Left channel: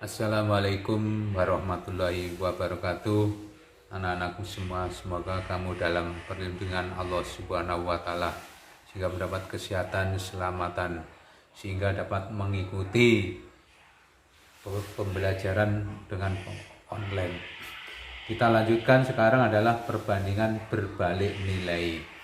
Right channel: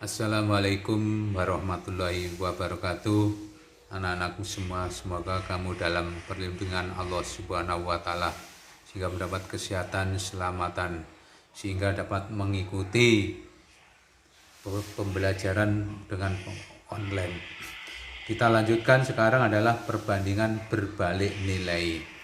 Assalamualaikum warahmatullahi wabarakatuh. Anak-anakku semua, semoga kamu dalam perlindungan Allah Subhanahu wa Ta'ala, sehingga mendapat kesehatan, keselamatan, sehingga dapat mengikuti pembelajaran dengan online. Kita lanjutkan sekarang adalah perbandingan berbalik nilai.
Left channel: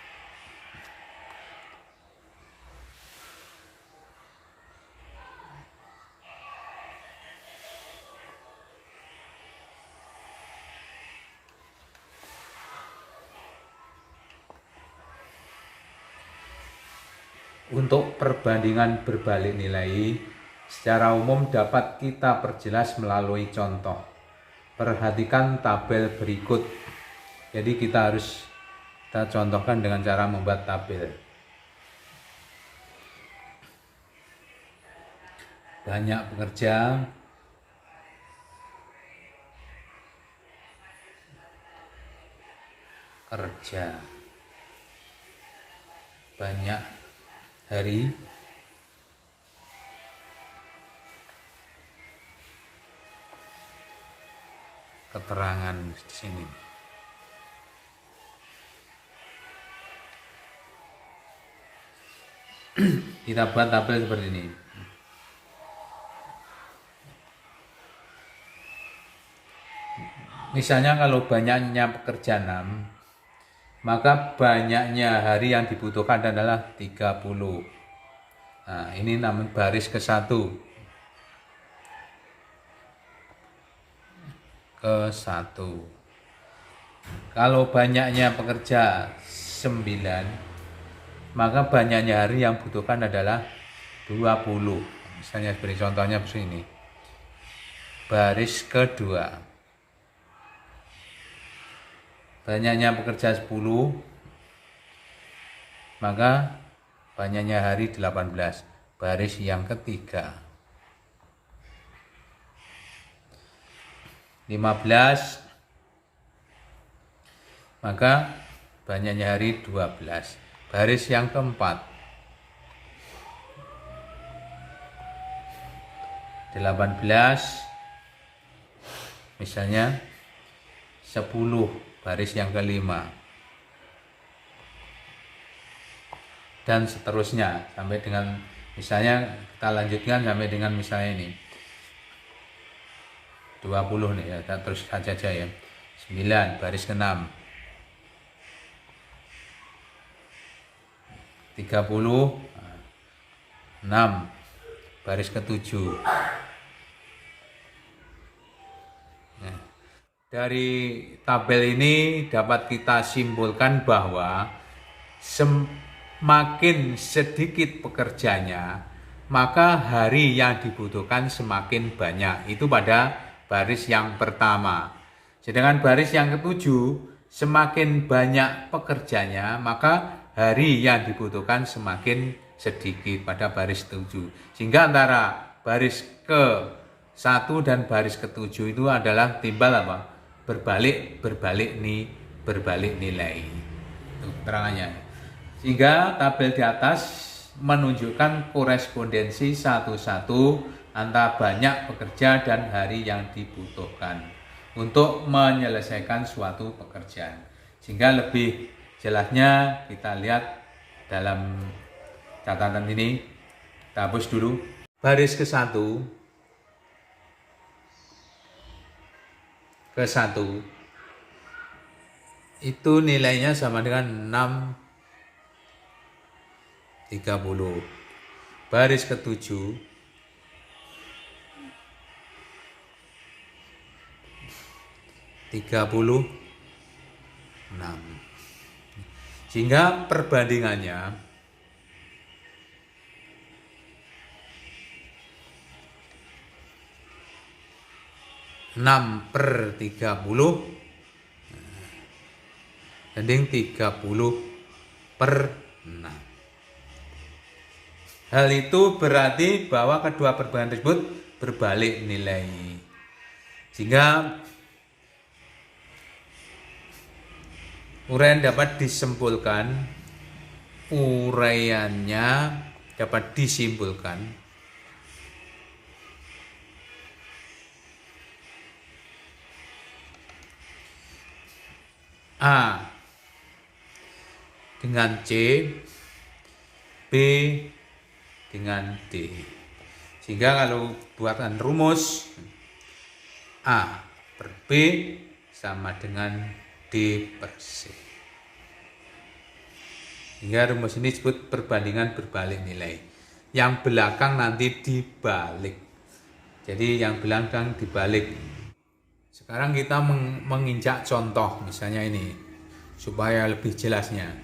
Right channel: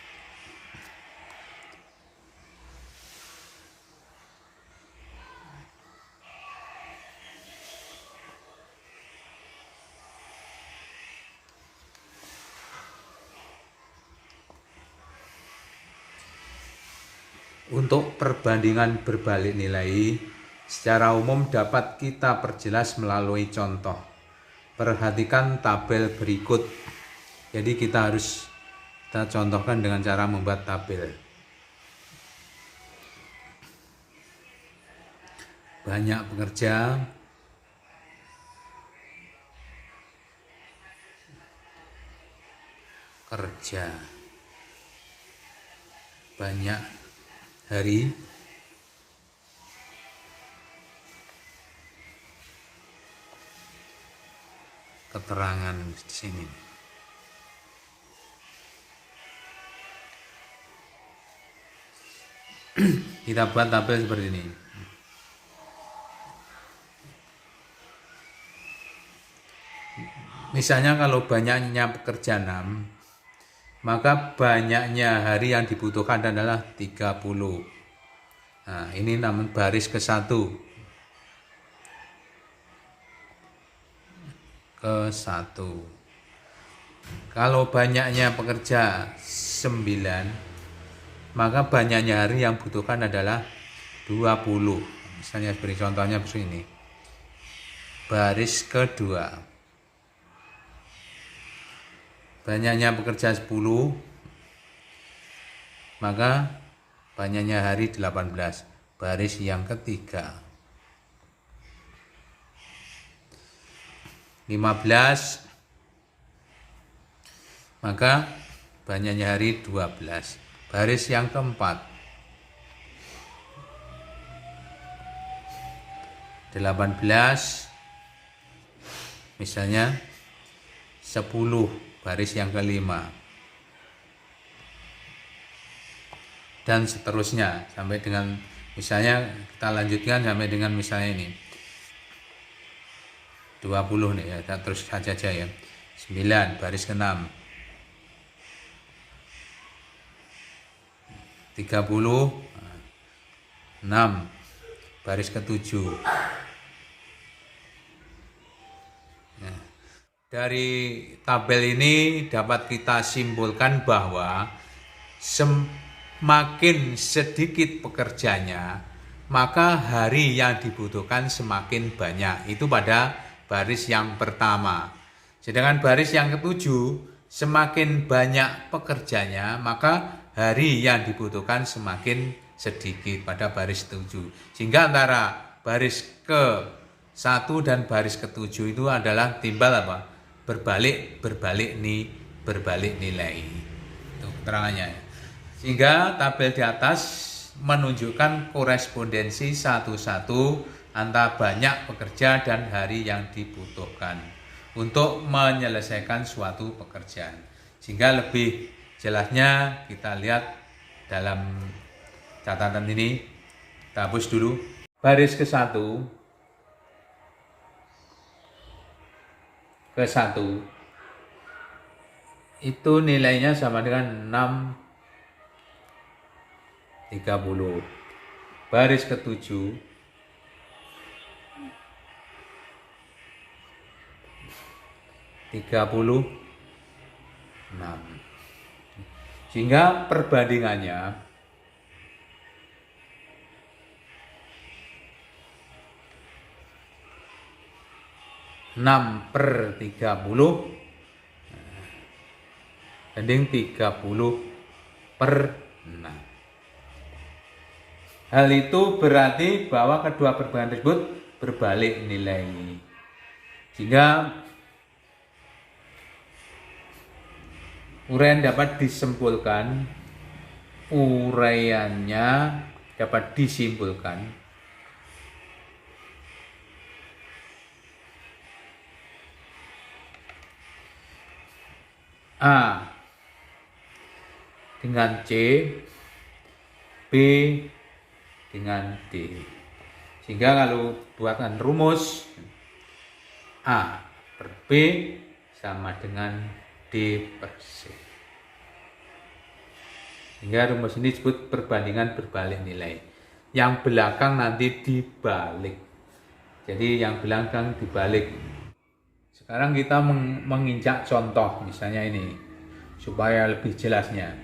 Untuk perbandingan berbalik nilai, secara umum dapat kita perjelas melalui contoh. Perhatikan tabel berikut. Jadi kita contohkan dengan cara membuat tabel. Banyak pekerja, banyak hari, keterangan di sini. Kita buat tabel seperti ini. Misalnya kalau banyaknya pekerja 6, maka banyaknya hari yang dibutuhkan adalah 30. Nah, ini namun baris ke-1. Kalau banyaknya pekerja 9, maka banyaknya hari yang dibutuhkan adalah 20. Misalnya beri contohnya begini. Baris kedua. Banyaknya pekerja 10, maka banyaknya hari 18. Baris yang ketiga. 15, maka banyaknya hari 12. Baris yang keempat. 18, misalnya 10. Baris yang kelima, dan seterusnya sampai dengan misalnya kita lanjutkan sampai dengan misalnya ini 20 nih ya, kita terus saja ya. 9 baris ke-6, 30, 6 baris ke-7. Dari tabel ini dapat kita simpulkan bahwa semakin sedikit pekerjanya, maka hari yang dibutuhkan semakin banyak. Itu pada baris yang pertama. Sedangkan baris yang ke-7, semakin banyak pekerjanya, maka hari yang dibutuhkan semakin sedikit pada baris 7. Sehingga antara baris ke-1 dan baris ke-7 itu adalah timbal apa? berbalik nilai. Itu keterangannya. Sehingga tabel di atas menunjukkan korespondensi satu-satu antara banyak pekerja dan hari yang dibutuhkan untuk menyelesaikan suatu pekerjaan. Sehingga lebih jelasnya kita lihat dalam catatan ini. Kita hapus dulu. Baris ke-1 itu nilainya sama dengan 6,30. Baris ke-7 36. Sehingga perbandingannya 6/30 banding 30/6. Hal itu berarti bahwa kedua perbandingan tersebut berbalik nilai. Sehingga uraian dapat disimpulkan A dengan C, B dengan D. Sehingga kalau buatkan rumus A per B sama dengan D per C. Sehingga rumus ini disebut perbandingan berbalik nilai. Yang belakang nanti dibalik. Jadi yang belakang dibalik. Sekarang kita menginjak contoh, misalnya ini, supaya lebih jelasnya.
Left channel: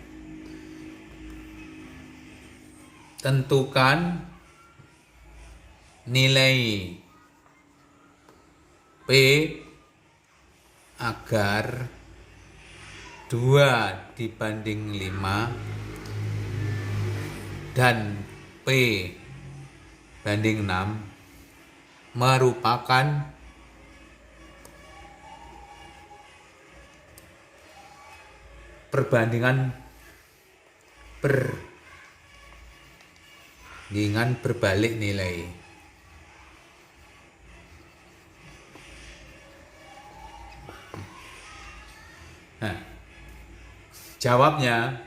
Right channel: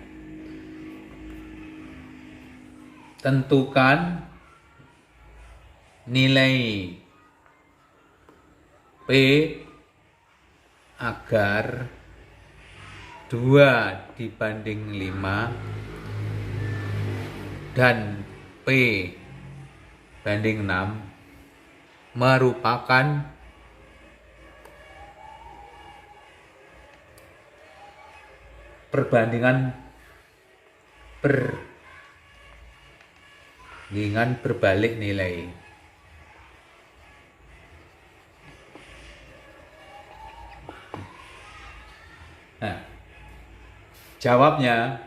Tentukan nilai P agar 2 dibanding 5 dan P banding 6 merupakan perbandingan berbalik nilai. Nah, jawabnya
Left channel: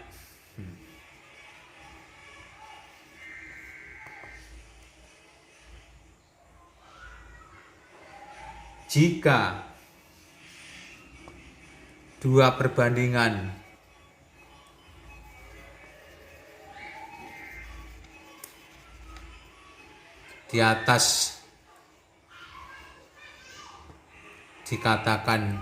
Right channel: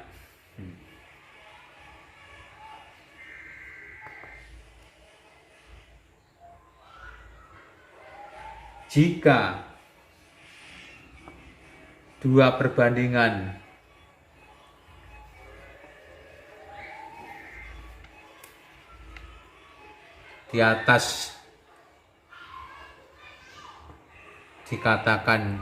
jika 2 perbandingan di atas dikatakan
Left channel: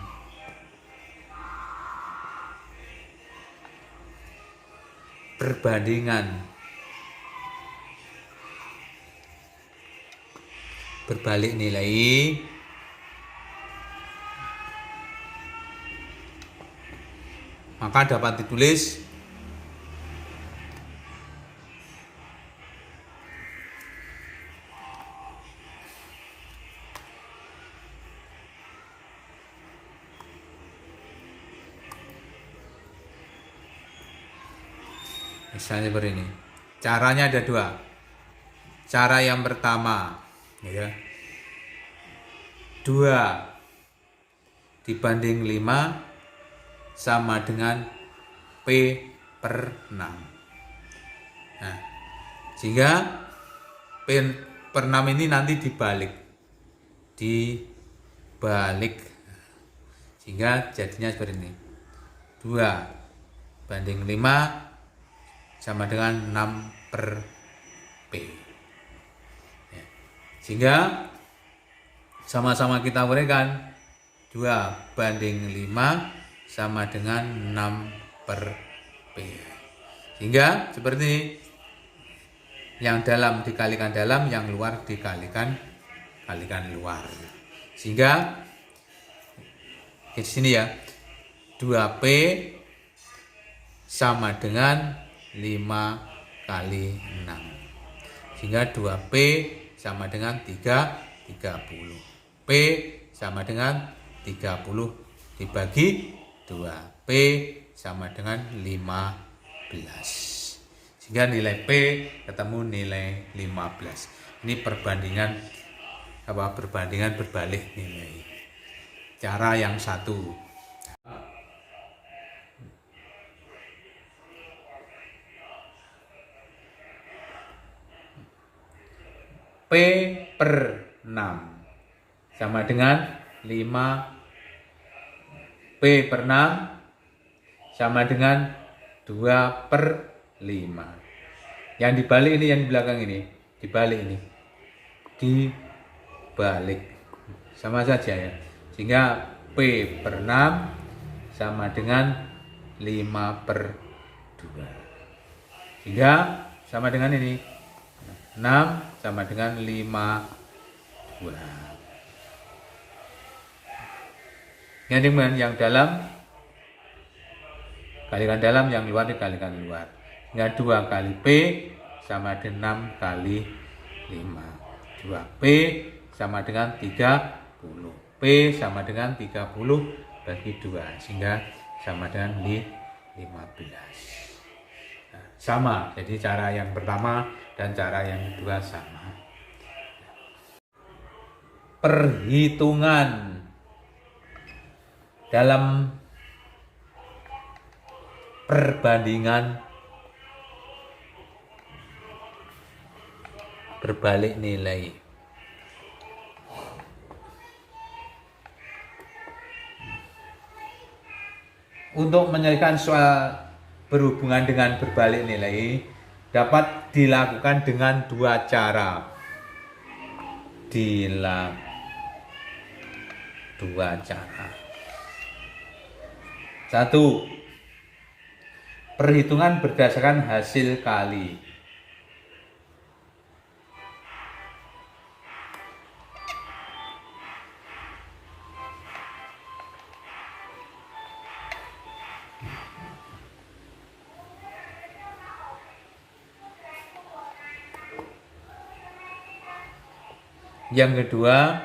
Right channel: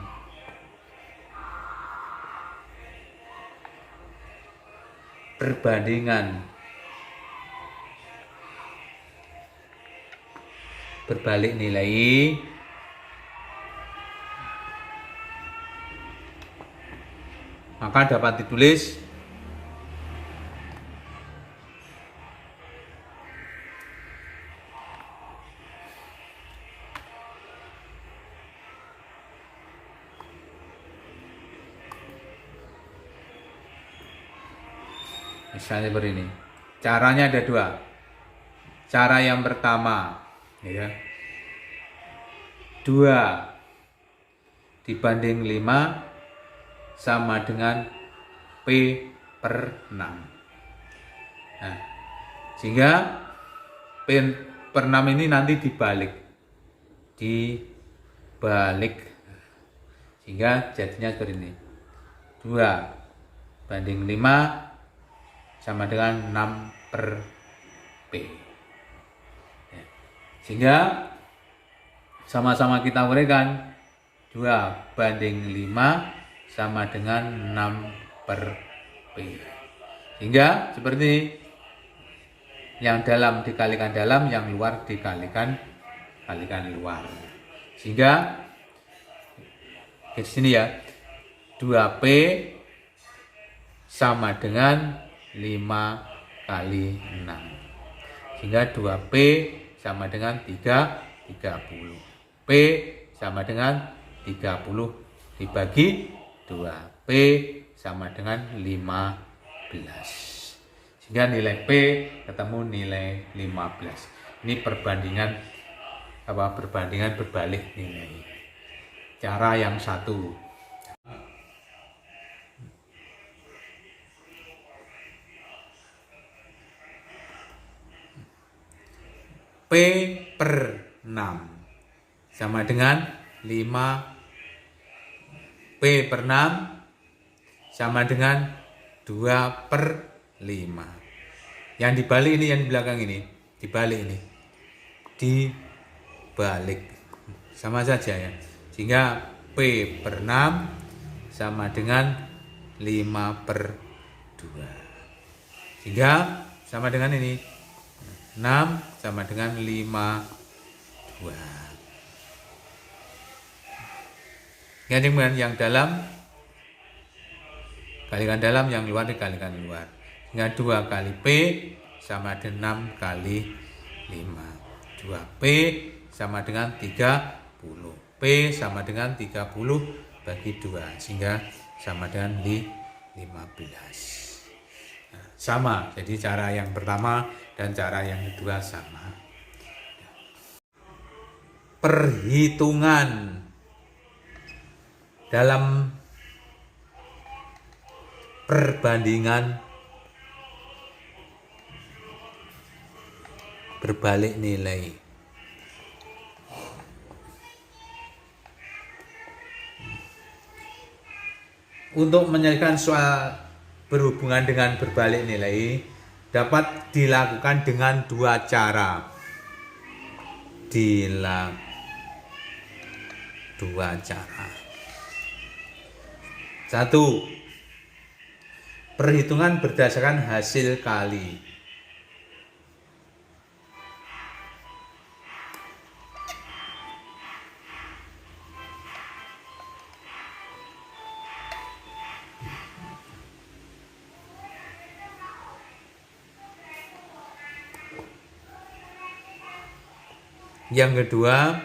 perbandingan berbalik nilai, maka dapat ditulis misalnya seperti ini. Caranya ada 2. Cara yang pertama, ya, 2 dibanding 5 sama dengan P per 6. Nah, sehingga P per 6 ini nanti dibalik. Sehingga jadinya seperti ini. 2 banding 5 sama dengan 6 per P. Ya. Sehingga sama-sama kita uraikan 2 banding 5 sama dengan 6 per P. Sehingga seperti ini. Yang dalam dikalikan dalam, yang luar dikalikan luar. Sehingga di sini ya, 2P sama dengan 5 kali 6. Sehingga 2P sama dengan 30. P sama dengan 30 dibagi 2. P sama dengan 15. Sehingga nilai P ketemu nilai 15. Ini perbandingan berbalik nilai. Cara yang satu. P per 6 sama dengan 5. P per 6 sama dengan 2 per 5. Yang dibalik ini, yang di belakang ini, dibalik ini. Dibalik. Sama saja ya. Sehingga P per 6 sama dengan 5 per 2. Sehingga sama dengan ini. 6 sama dengan 5 2. Yang dalam kalikan dalam, yang luar dikalikan luar. Sehingga 2 kali P sama dengan 6 kali 5. 2P sama dengan 30. P sama dengan 30 bagi 2. Sehingga sama dengan 15. Sama, jadi cara yang pertama dan cara yang kedua sama. Perhitungan dalam perbandingan berbalik nilai. Untuk menyelesaikan soal berhubungan dengan berbalik nilai dapat dilakukan dengan dua cara. Satu, perhitungan berdasarkan hasil kali. Yang kedua,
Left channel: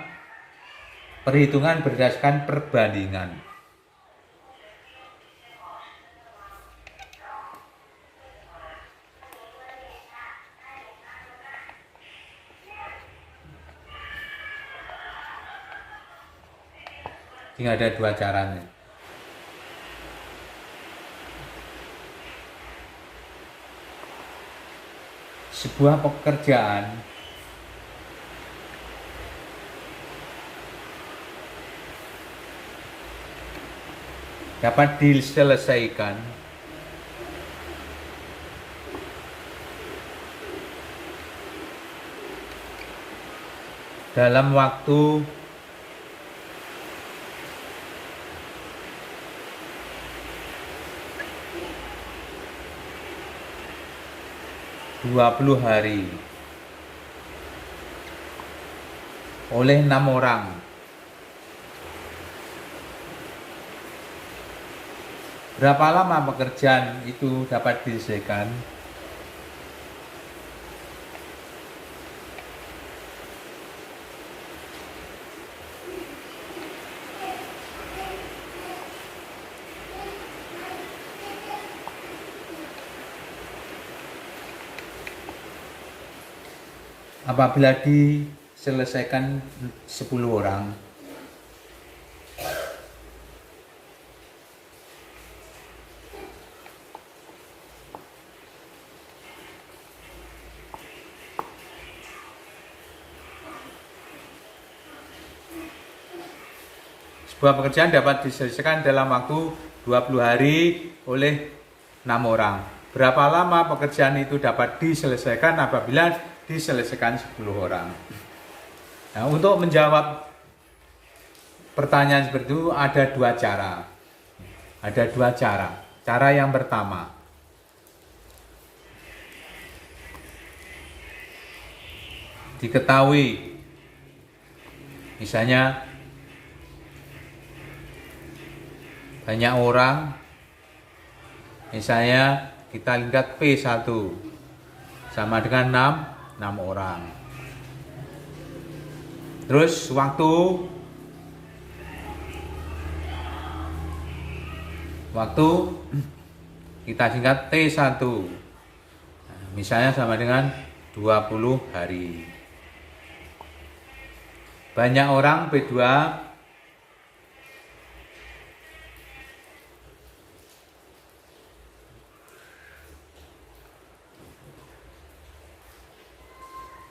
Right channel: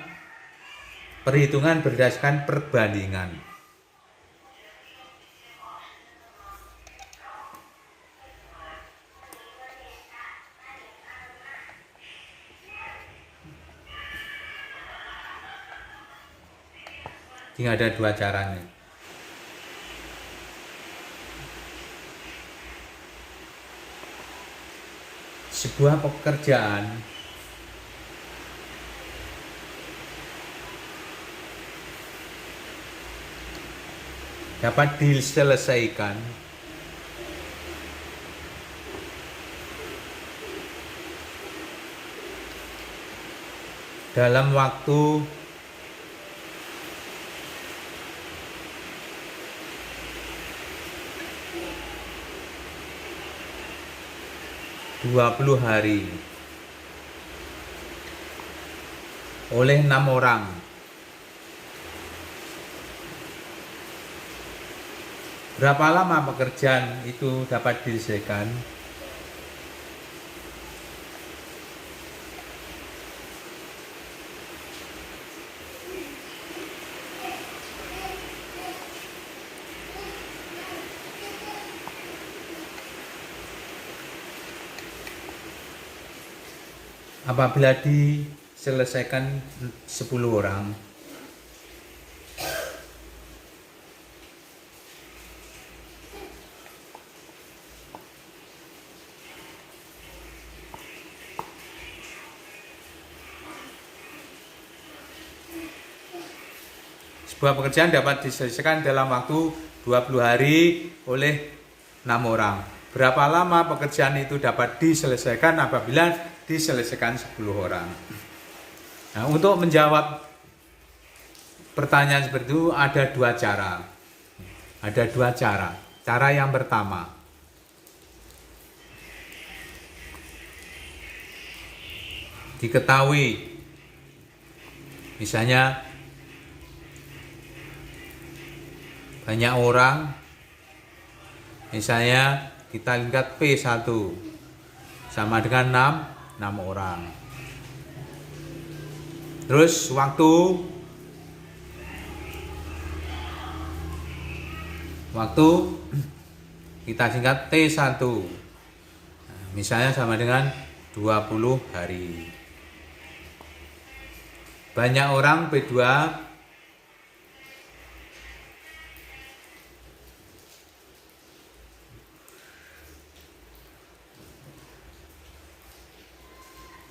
perhitungan berdasarkan perbandingan. Ini ada dua caranya. Sebuah pekerjaan dapat diselesaikan dalam waktu 20 hari oleh 6 orang. Berapa lama pekerjaan itu dapat diselesaikan? Apabila diselesaikan 10 orang, sebuah pekerjaan dapat diselesaikan dalam waktu 20 hari oleh 6 orang. Berapa lama pekerjaan itu dapat diselesaikan apabila diselesaikan 10 orang? Nah, untuk menjawab pertanyaan seperti itu ada dua cara. Cara yang pertama, diketahui misalnya banyak orang, misalnya kita lihat P1 sama dengan 6 orang. Terus waktu kita singkat T1, misalnya sama dengan 20 hari. Banyak orang P2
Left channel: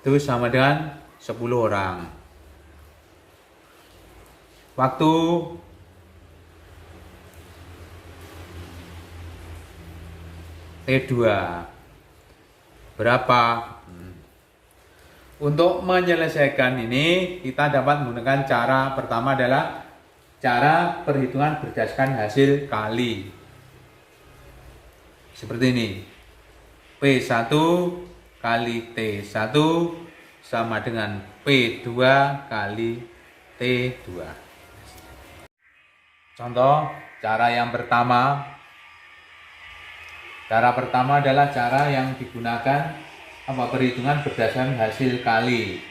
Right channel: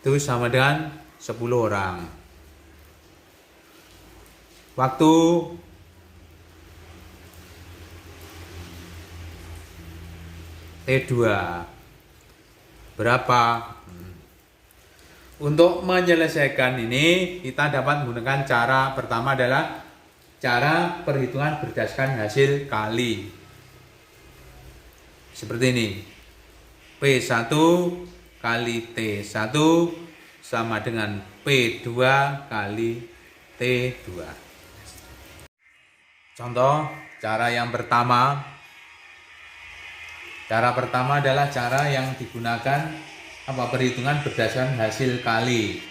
itu sama dengan 10 orang. Waktu T2 berapa? Untuk menyelesaikan ini kita dapat menggunakan cara pertama adalah cara perhitungan berdasarkan hasil kali. Seperti ini. P1 kali T1 sama dengan P2 kali T2. Contoh cara yang pertama. Cara pertama adalah cara yang digunakan perhitungan berdasarkan hasil kali.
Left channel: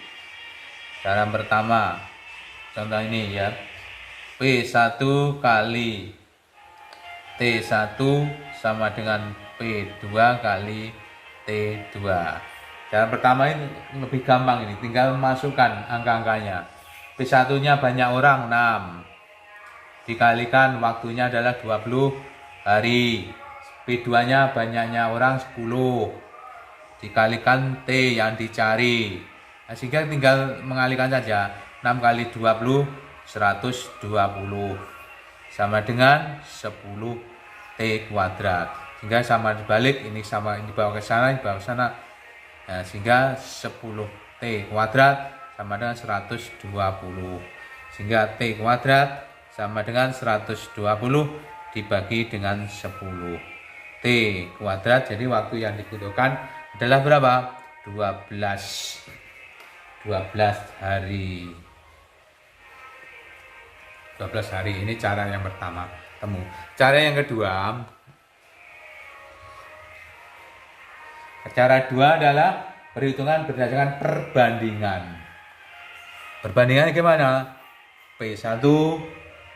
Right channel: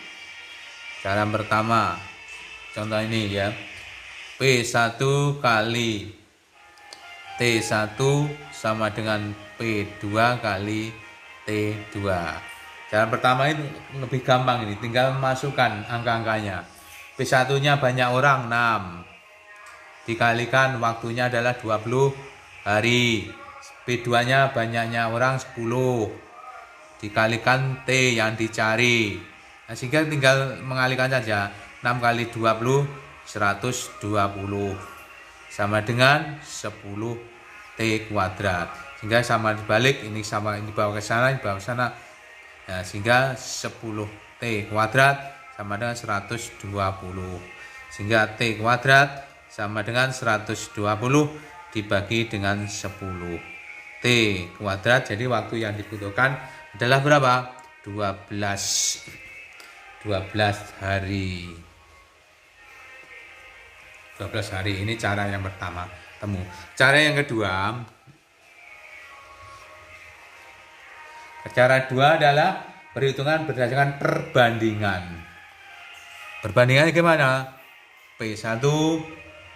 Cara pertama, contoh ini ya. P1 kali T1 sama dengan P2 kali T2. Cara pertama ini lebih gampang, ini tinggal masukkan angka-angkanya. P1-nya banyak orang 6. Dikalikan waktunya adalah 20 hari. P2-nya banyaknya orang 10 dikalikan T yang dicari. Nah, sehingga tinggal mengalihkan saja. 6 kali 20 120 sama dengan 10 T kuadrat. Sehingga sama dibalik, ini sama ini bawa ke sana, ini bawa ke sana. Nah, sehingga 10 T kuadrat sama dengan 120. Sehingga T kuadrat sama dengan 120 dibagi dengan 10 T kuadrat. Jadi waktu yang dibutuhkan adalah berapa? 12 hari. 12 hari. Ini cara yang pertama. Cara yang kedua, cara kedua adalah perhitungan berdasarkan perbandingan. Perbandingan gimana? P1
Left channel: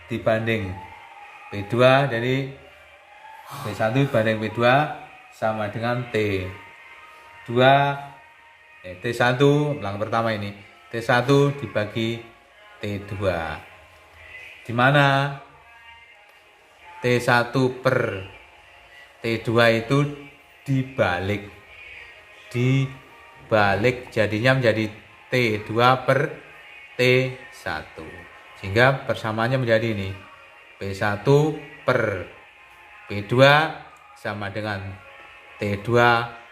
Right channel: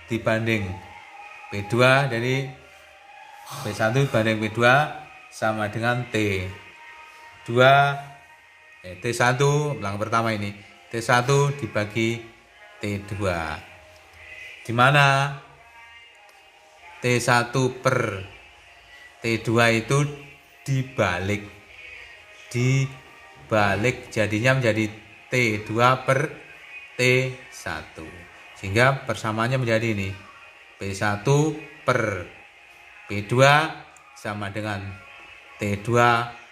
dibanding P2, jadi P1 dibanding P2 sama dengan T2, T1 ulang pertama ini, T1 dibagi T2. Di mana T1 per T2 itu dibalik jadinya menjadi T2 per T1, sehingga persamaannya menjadi ini, P1 per P2 sama dengan T2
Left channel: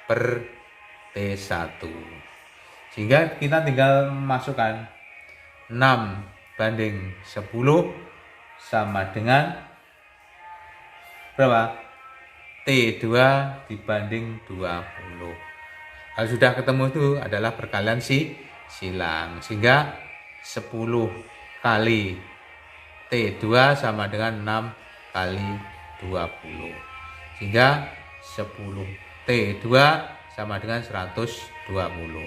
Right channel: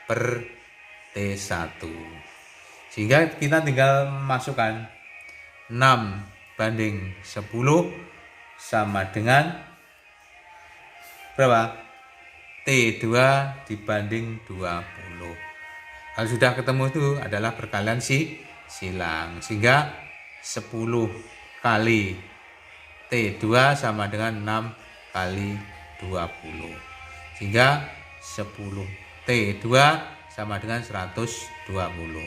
per T1, sehingga kita tinggal masukkan 6 banding 10 sama dengan berapa? T2 dibanding 20. Kalau sudah ketemu itu adalah perkalian silang, sehingga 10 kali T2 sama dengan 6 kali 20, sehingga 10 T2 sama dengan 120.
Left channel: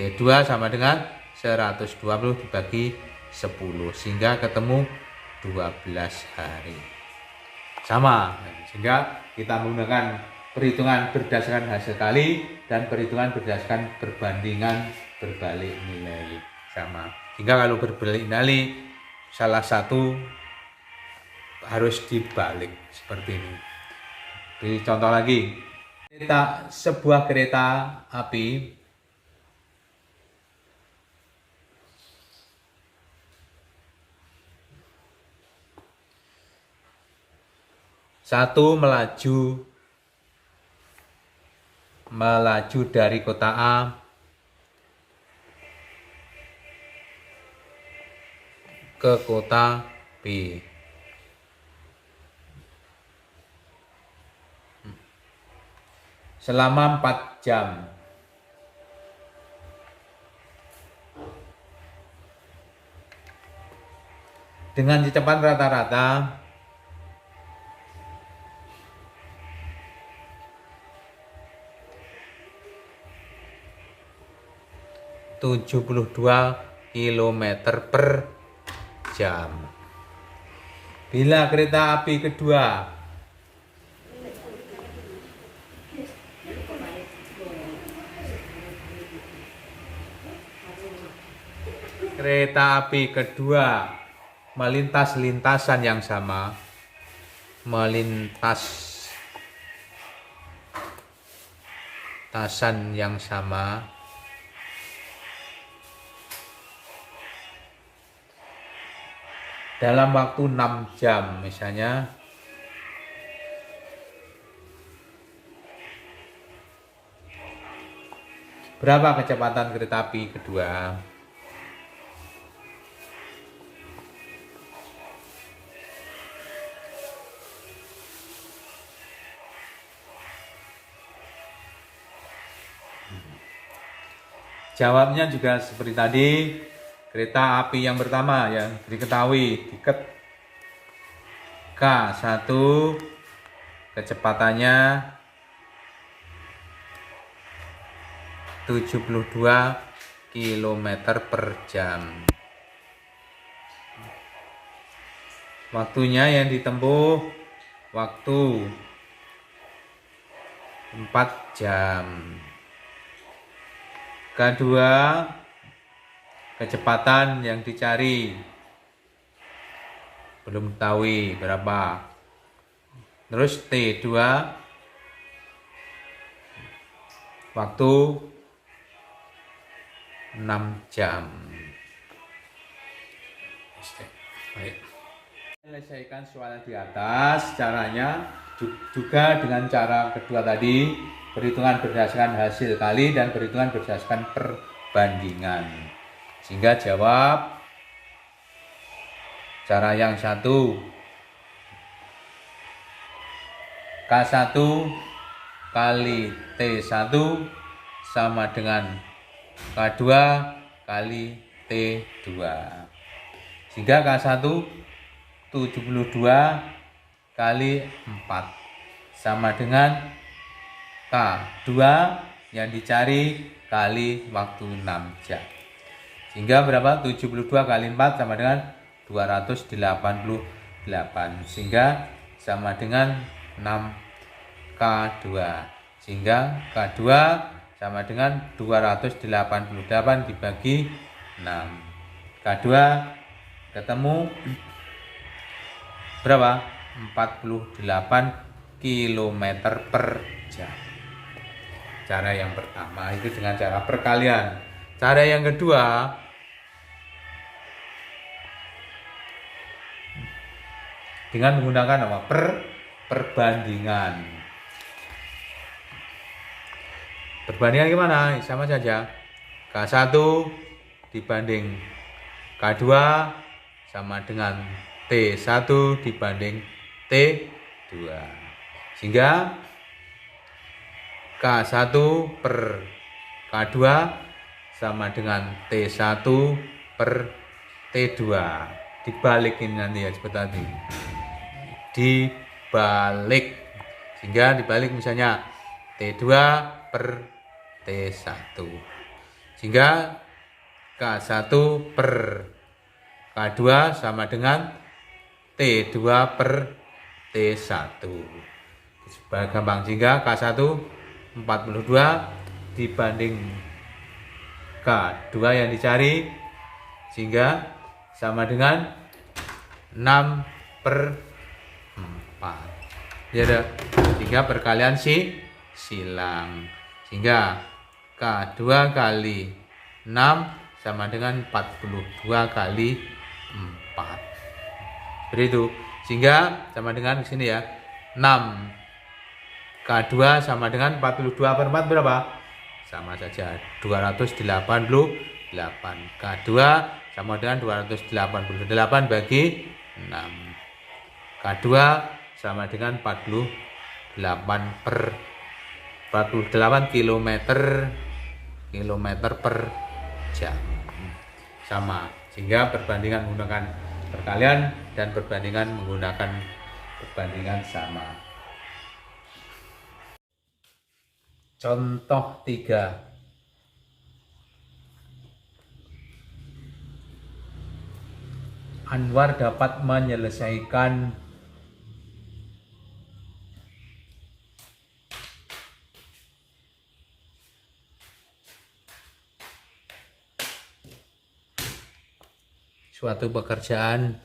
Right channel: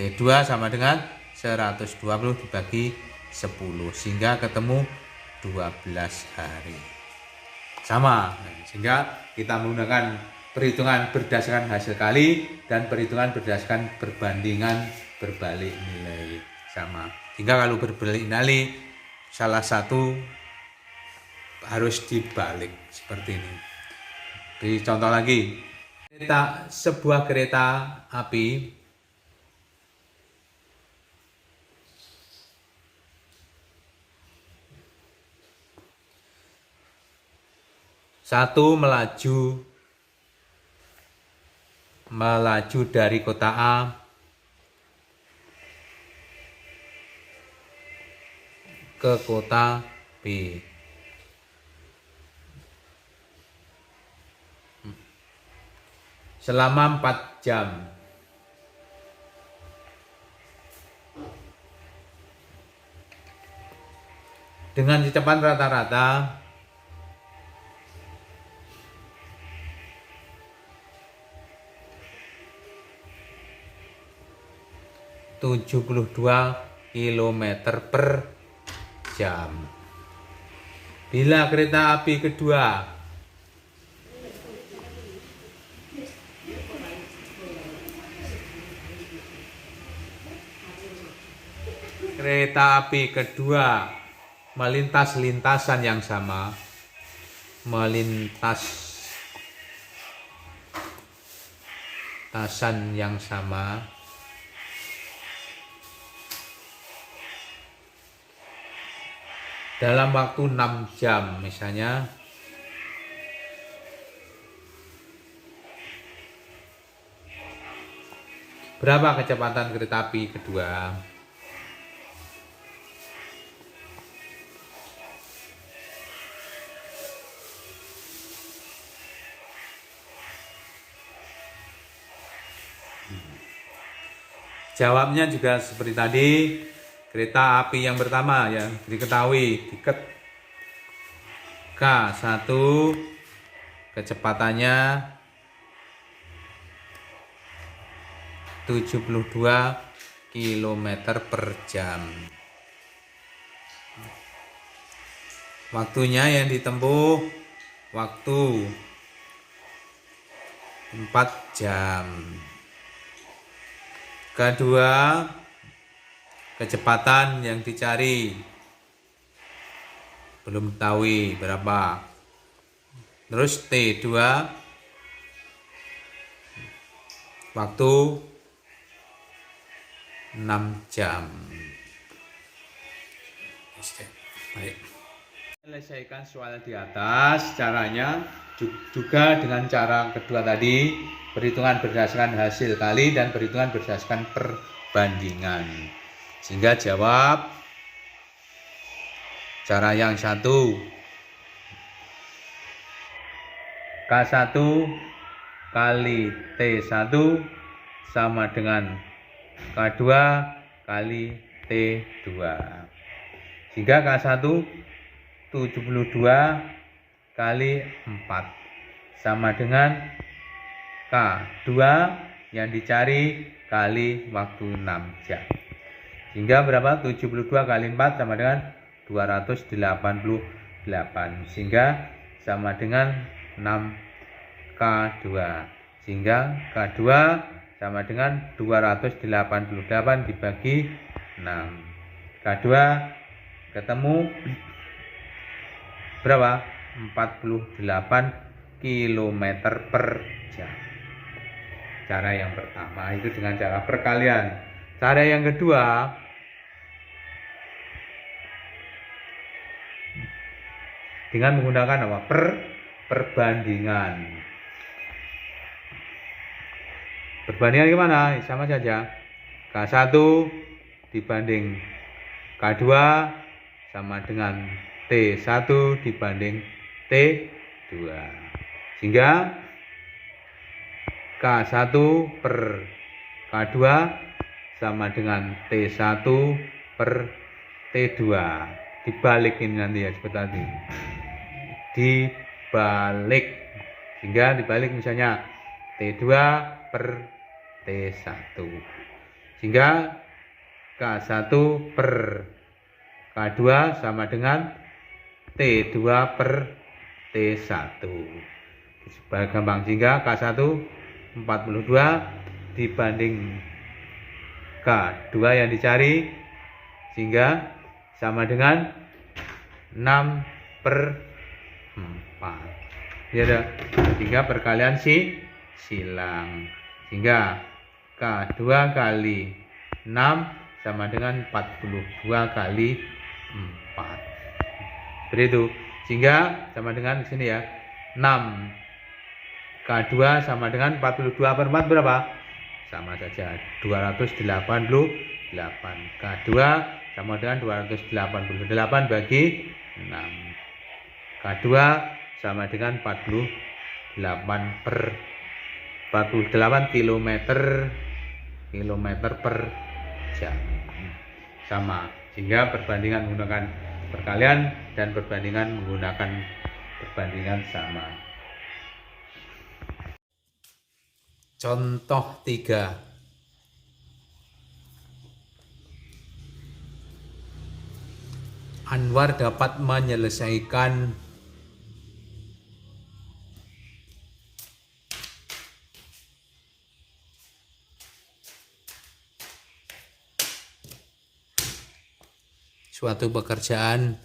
T2 sama dengan 120 dibagi 10, sehingga ketemu 12 hari. Sama, sehingga kita menggunakan perhitungan berdasarkan hasil kali dan perhitungan berdasarkan perbandingan berbalik nilai. Sama, sehingga kalau berbalik nilai salah satu harus dibalik seperti ini. Jadi contoh lagi, sebuah kereta api satu melaju dari kota A ke kota B. Selama 4 jam. Dengan kecepatan rata-rata 72 km per jam. Bila kereta api kedua melintas lintasan yang sama, dalam waktu 6 jam misalnya, berapa kecepatan kereta api kedua? Jawabnya juga seperti tadi, kereta api yang pertama ya diketahui tiket K1, kecepatannya 72 km per jam. Waktunya yang ditempuh waktu 4 jam. Kedua, kecepatan yang dicari belum tahu berapa. Terus T2 waktu 6 jam. Baik. Menyelesaikan soal di atas, caranya juga dengan cara kedua tadi, perhitungan berdasarkan hasil kali dan perhitungan berdasarkan perbandingan. Sehingga jawab cara yang satu, K1 kali T1 sama dengan K2 kali T2. Sehingga K1 72 kali 4 sama dengan K2 yang dicari kali waktu 6 jam. Sehingga berapa? 72 kali 4 sama dengan 288. Sehingga sama dengan 6K2. Sehingga K2 sama dengan 288 dibagi 6. K2 ketemu berapa? 48 km per jam. Cara yang pertama itu dengan cara perkalian. Cara yang kedua dengan menggunakan apa? Perbandingan. Perbandingan gimana? Sama saja. K1 dibanding K2 sama dengan T1 dibanding T2. Sehingga K1 per K2 sama dengan T1 per T2. Dibalikin nanti ya seperti tadi. Dibalik. Sehingga dibalik misalnya T2 per T1. Sehingga K1 per K2 sama dengan T2 per T1. Supaya gampang, sehingga K1 42 dibanding K2 yang dicari, sehingga sama dengan 6 per 4. Ya udah, sehingga perkalian silang. Sehingga K2 kali 6 sama dengan 42 kali 4. Seperti itu. Sehingga sama dengan di sini ya. 6 K2 sama dengan 42 per 4 berapa? Sama saja 288. K2 sama dengan 288 bagi 6. K2 sama dengan 48 km per jam. Sama. Sehingga perbandingan menggunakan perkalian dan perbandingan menggunakan perbandingan sama. Contoh 3. Anwar dapat menyelesaikan suatu pekerjaan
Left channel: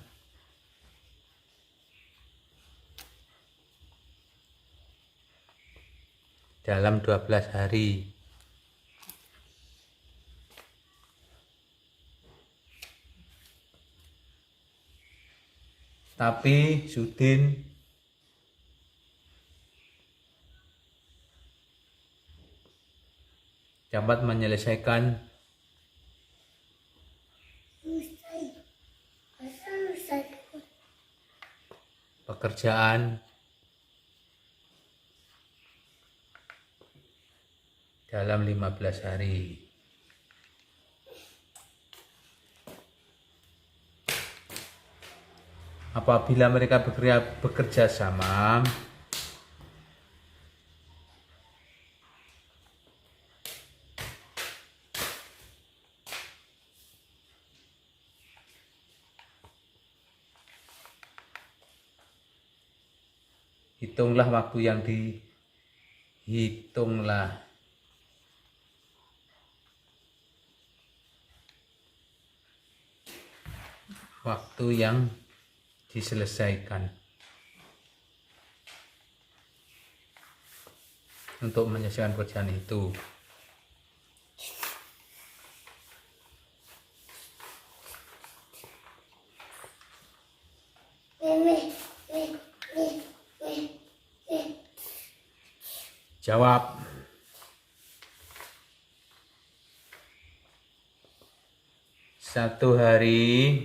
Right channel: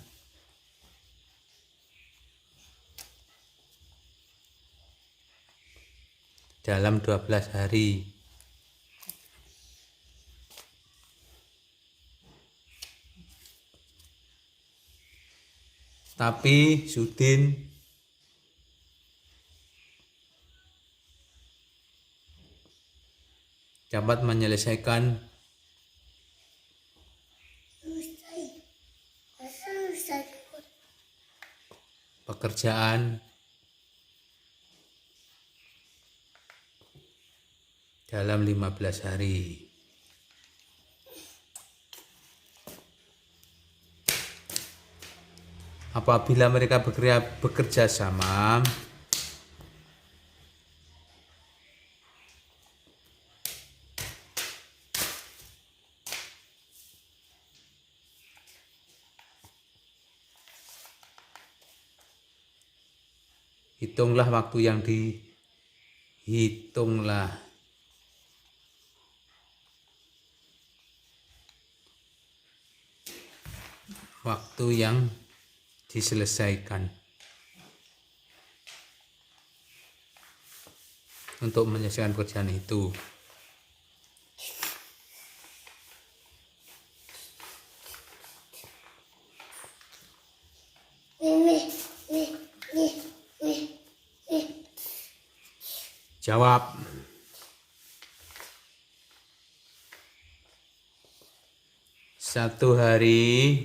dalam 12 hari. Tapi Sudin dapat menyelesaikan pekerjaan dalam 15 hari. Apabila mereka bekerja sama, hitunglah waktu yang dihitunglah waktu yang diselesaikan untuk menyelesaikan pekerjaan itu. Jawab. Satu hari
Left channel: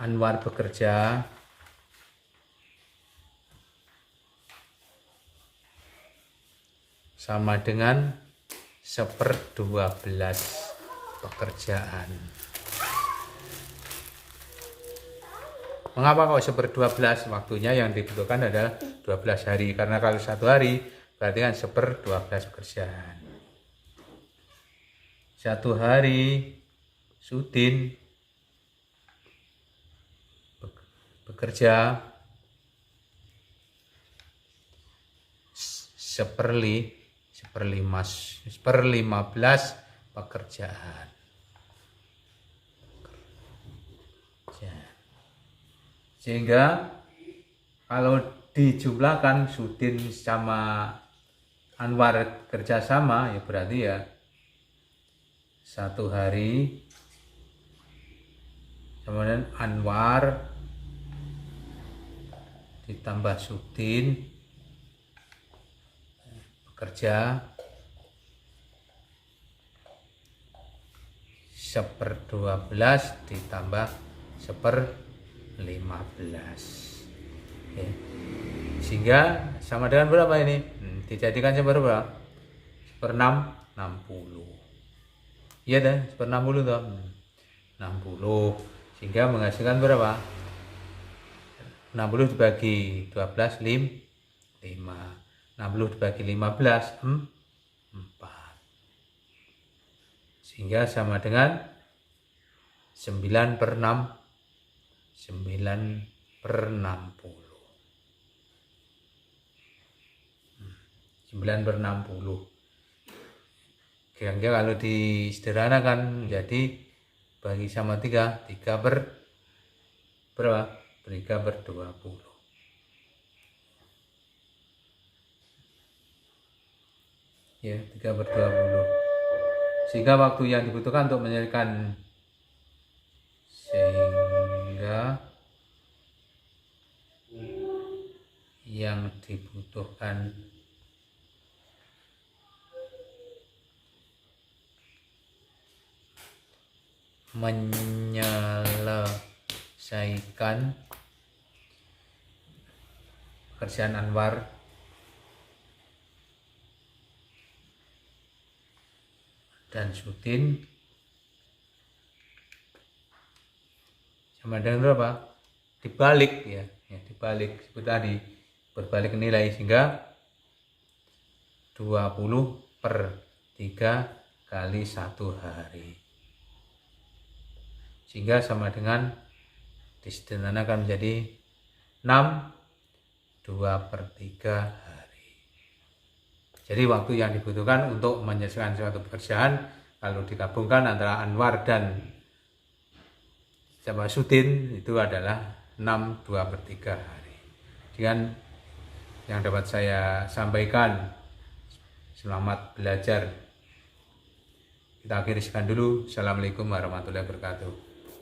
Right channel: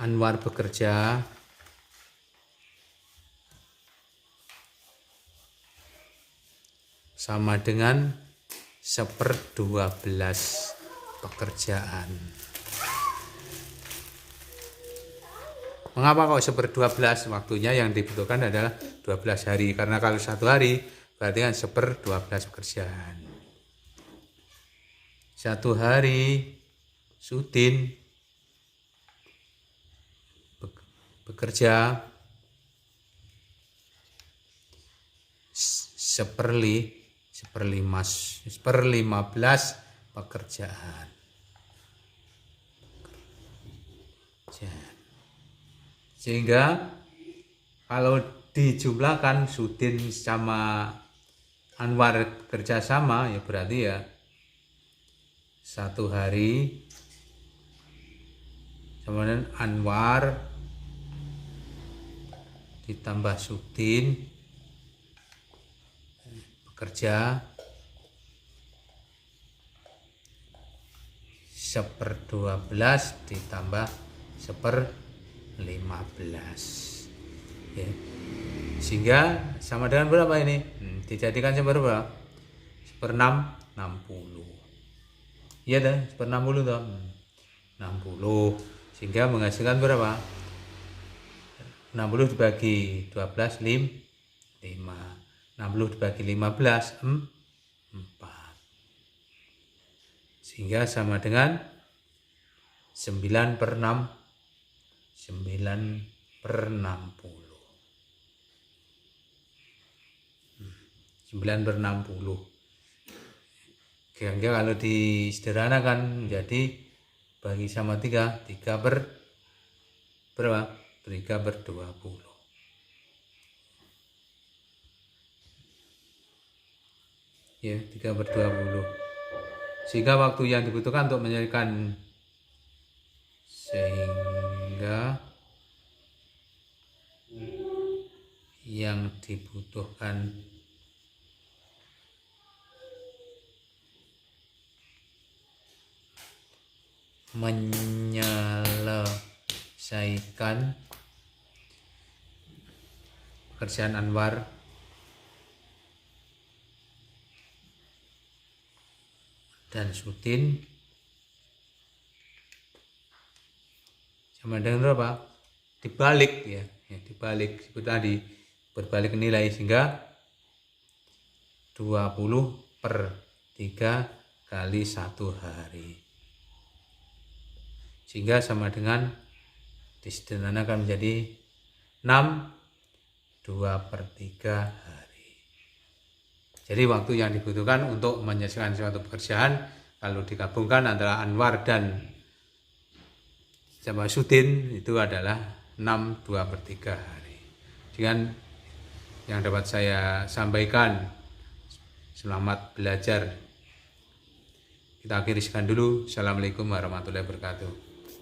Anwar bekerja sama dengan 1/12 pekerjaan. Mengapa kok 1/12? Waktunya yang dibutuhkan adalah 12 hari. Karena kalau 1 hari berarti kan 1/12 pekerjaan. 1 hari Sudin bekerja 1/15 pekerjaan. Sehingga kalau dijumlahkan Sudin sama Anwar kerjasama ya berarti ya 1 hari sama dengan Anwar ditambah Sudin bekerja 1/12 ditambah 1/15. Oke. Sehingga sama dengan berapa ini? Dijadikan seberapa? 1/6, 60. Iya dah, 1/60 toh. 60. Sehingga menghasilkan berapa? 60 dibagi 12, 5. 60 dibagi 15, 4. Sehingga sama dengan 9/6, 9/60. 9/60. Kira-kira kalau disederhanakan menjadi bagi sama 3 berapa? 3/20. Ya, 3/20. Sehingga waktu yang dibutuhkan untuk menyelesaikan menyelesaikan pekerjaan Anwar dan Sudin sama dengan berapa? Dibalik ya, dibalik seperti tadi, berbalik nilai sehingga 20/3 kali 1 hari. Sehingga sama dengan disederhanakan menjadi 6 2/3 hari. Jadi waktu yang dibutuhkan untuk menyelesaikan suatu pekerjaan kalau digabungkan antara Anwar dan Sudin itu adalah 6 2/3 hari. Dengan yang dapat saya sampaikan, selamat belajar. Kita akhiri sekian dulu. Assalamualaikum warahmatullahi wabarakatuh.